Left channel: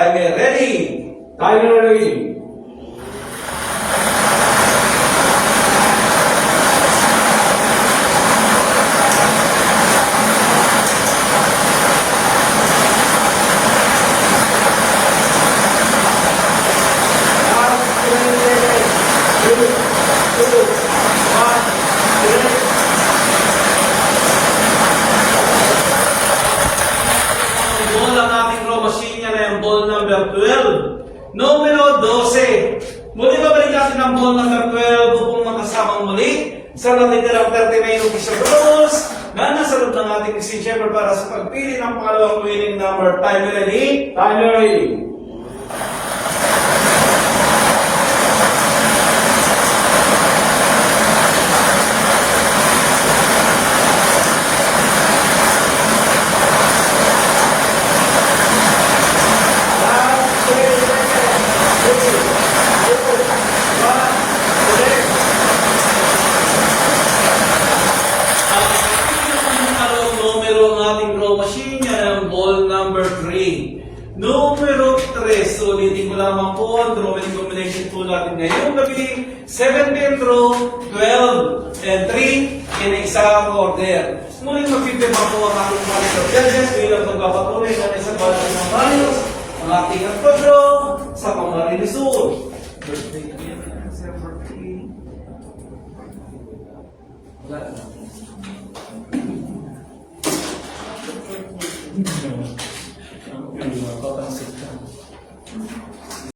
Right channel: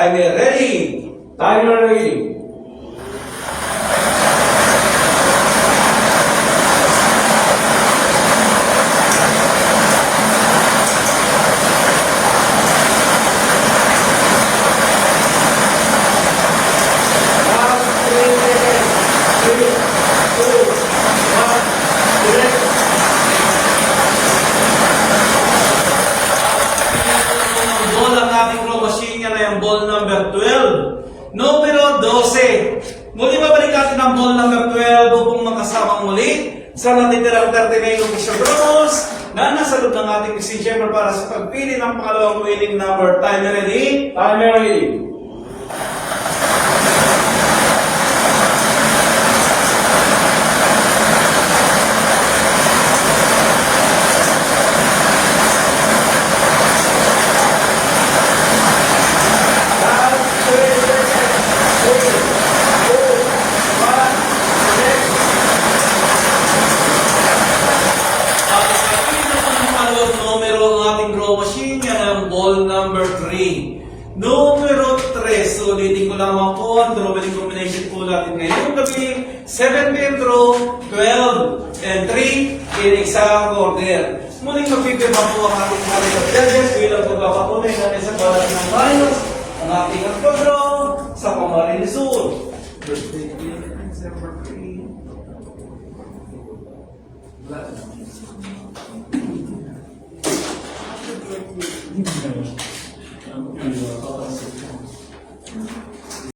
timer ready. Timer ready. Ball number 12. Numero 12. Muli babalik natin ang ball number 12 upang makasamang muli sa natitirang 39 official rules na nasa loob ng ating si Shepard para sa pagpili ng pangalawang winning number. Timer ready? Timer ready. Machine, yan ang ball number 3. Numero 3, sulitin ko naman po ang drawing combination po natin ngayong gabi. 17 draw, 12, and 3 in exact order. Muling magpipirma po ang ating mga judges bilang pagpapatunay natin sa balas ng malos ang ating pagdraw sa Camarines Sur.